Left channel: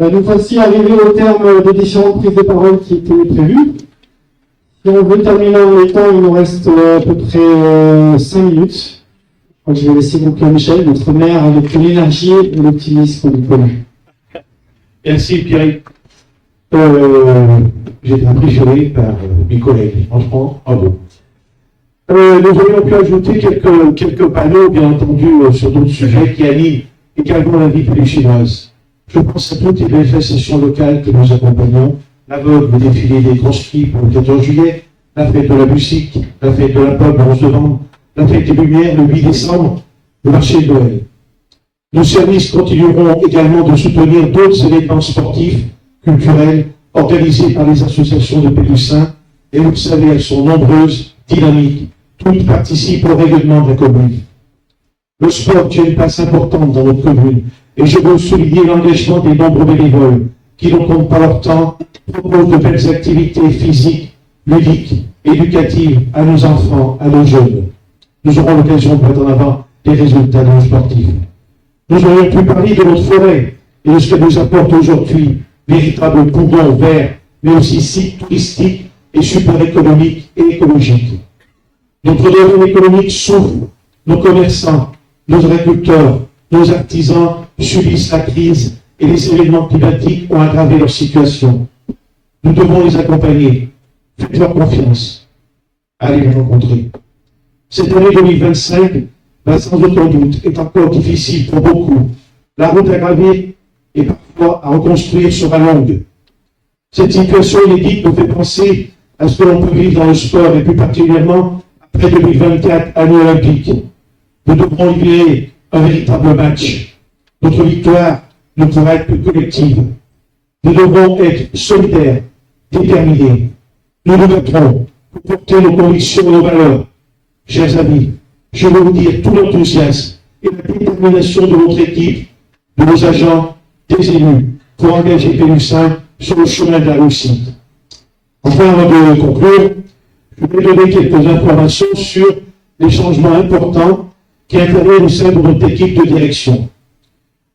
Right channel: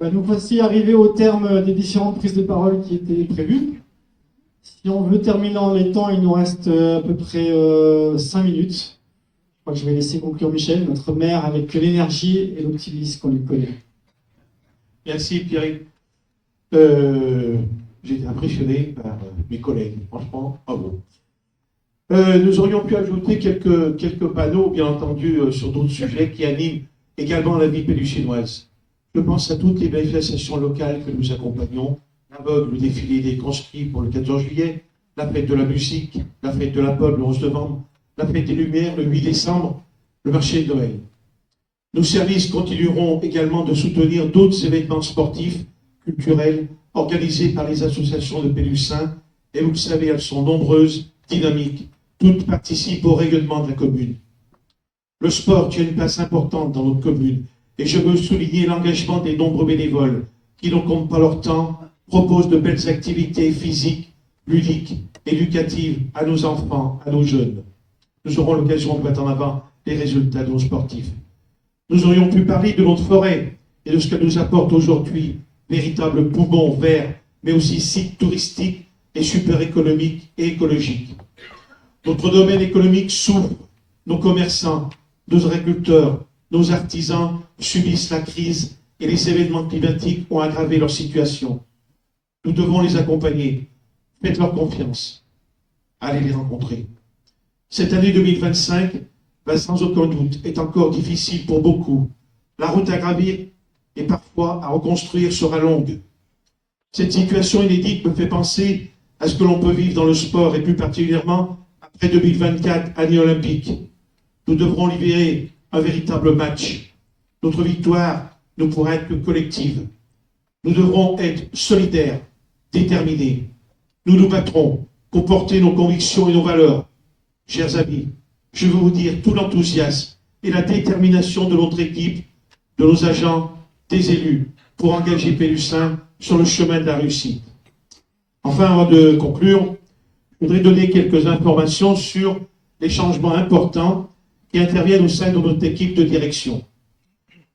Nous voici arrivés au terme des différentes prises de parole qui étaient prévues. Si on veut terminer en même temps, il nous reste à peu près 5 minutes. Je crois que je vais laisser conclure Michel, notre maire, avec l'énergie et l'optimisme qu'on lui connaît. Merci Pierre. J'ai été impressionné par mes collègues. Franchement, bravo. Nous aurions pu ajouter quelques panneaux, bien entendu, sur d'autres sujets qui animent également la vie péluchinoise. Je pense à toutes les manifestations locales que nous accompagnons, la vogue, le défilé des conscrits pour le 14 juillet, la fête de la musique, la fête de la pomme le 11 novembre, la fête des Lumières le 8 décembre, le marché de Noël. Nos services continueront également de soutenir d'autres événements sportifs, culturels, organisés par les associations de Pélussins, et vous le savez, elles sont nombreuses, dynamiques, toutes participent au rayonnement de la commune. Le sport tient une place importante dans notre commune, et je veux souligner l'engagement des nombreux bénévoles qui ne comptent pas leur temps, proposent de belles activités physiques, ludiques, éducatives à nos enfants, à nos jeunes. Nous aurons l'occasion de mettre en avant les résultats de nos sportifs. Nous aurions pu parler de notre forêt et de ce qu'elle nous apporte aujourd'hui, véritable poumon vert, mais aussi site touristique et super économique et écologique. Notre domaine économique souffre, nos commerçants, nos agriculteurs, nos artisans subissent la crise et les événements climatiques ont aggravé leur situation. Nous devons les accompagner. Faites-leur confiance. Allez les rencontrer. Cette année 2025 va sans aucun doute être encore difficile pour beaucoup. La route à graver et parfois à reconstruire sera longue. Cette situation inédite nous fait penser à ce que l'on peut vivre dans le sport et plus particulièrement après 2024, année olympique. Nous devrons livrer un véritable match. Notre victoire ne pourra être que collective. Nous devrons être solidaires, déterminés. Nous nous battrons pour porter nos convictions et nos valeurs. Chers amis, je veux vous dire tout l'enthousiasme et la détermination de notre équipe, de nos agents, des élus, pour engager Pélussin sur le chemin de la réussite. Enfin, avant de conclure, je voudrais donner quelques informations sur les changements importants qui interviennent au sein de notre équipe de direction.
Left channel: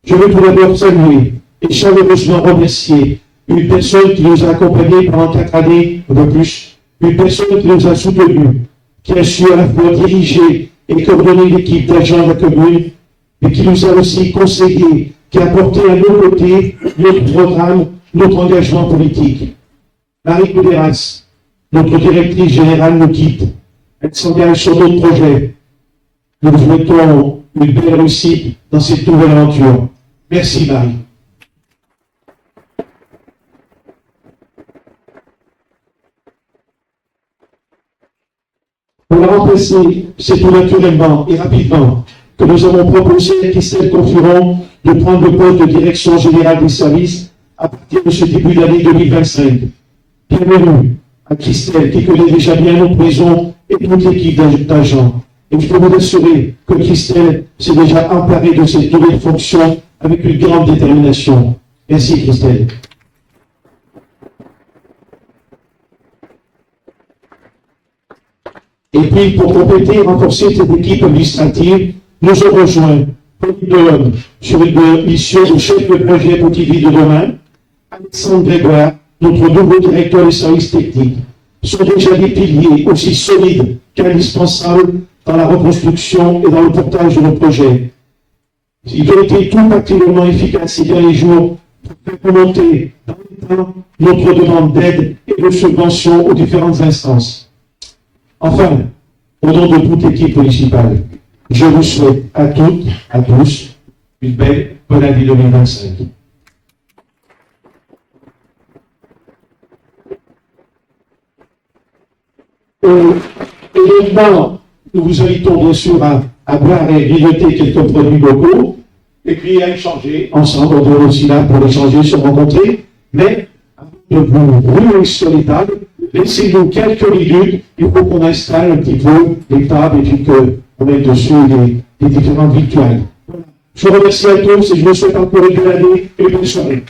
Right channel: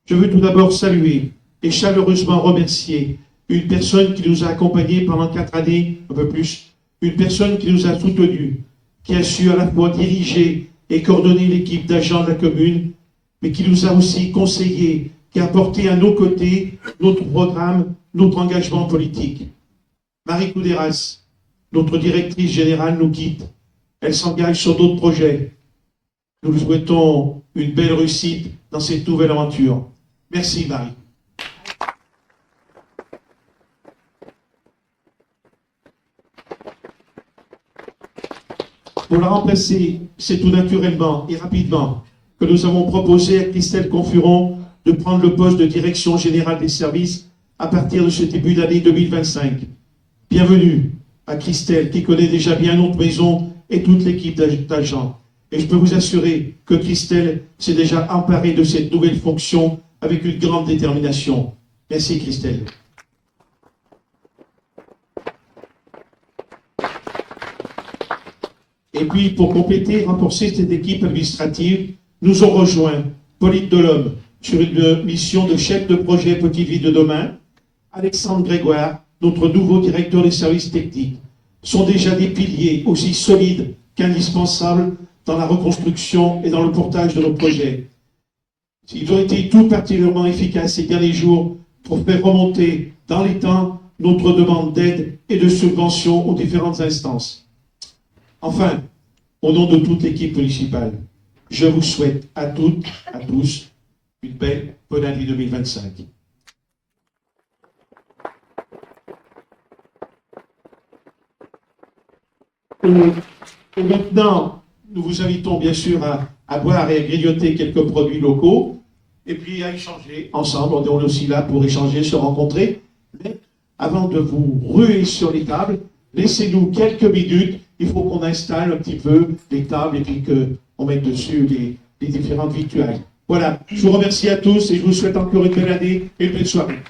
Je veux tout d'abord saluer et chaleureusement remercier une personne qui nous a accompagnés pendant 4 années, un peu plus, une personne qui nous a soutenus, qui a su à la fois diriger et coordonner l'équipe d'agents de la commune, mais qui nous a aussi conseillé, qui a porté à nos côtés notre programme, notre engagement politique. Marie Couderas, notre directrice générale, nous quitte. Elle s'engage sur d'autres projets. Nous vous souhaitons une belle réussite dans cette nouvelle aventure. Merci Marie. Pour la remplacer, c'est tout naturellement et rapidement que nous avons proposé à Christelle Confuron de prendre le poste de direction générale des services à partir de ce début d'année 2025. Bienvenue à Christelle qui connaît déjà bien notre maison et toute l'équipe d'agents. Et je peux vous assurer que Christelle s'est déjà emparée de cette nouvelle fonction avec une grande détermination. Merci Christelle. Et puis, pour compléter et renforcer cette équipe administrative, nous avons rejoint Pauline Delhomme sur une mission de chef de projet Petite Ville de demain. Alexandre Grégoire, notre nouveau directeur des services techniques, sont déjà des piliers aussi solides qu'indispensables dans la reconstruction et dans le portage de nos projets. Ils ont été tout particulièrement efficaces ces derniers jours pour faire remonter dans les temps notre demande d'aide et de subvention aux différentes instances. Enfin, au nom de toute l'équipe municipale, je vous souhaite à toutes, à tous, une belle bonne année 2025. Et maintenant, nous vous invitons bien sûr à boire et grignoter quelques produits locaux, et puis à échanger ensemble. On est aussi là pour échanger, se rencontrer. Mais avant de vous ruer sur les tables, laissez-nous quelques minutes. Il faut qu'on installe un petit peu les tables et puis qu'on mette dessus les différentes victoires. Voilà. Je vous remercie à tous et je vous souhaite encore une belle année et une belle soirée.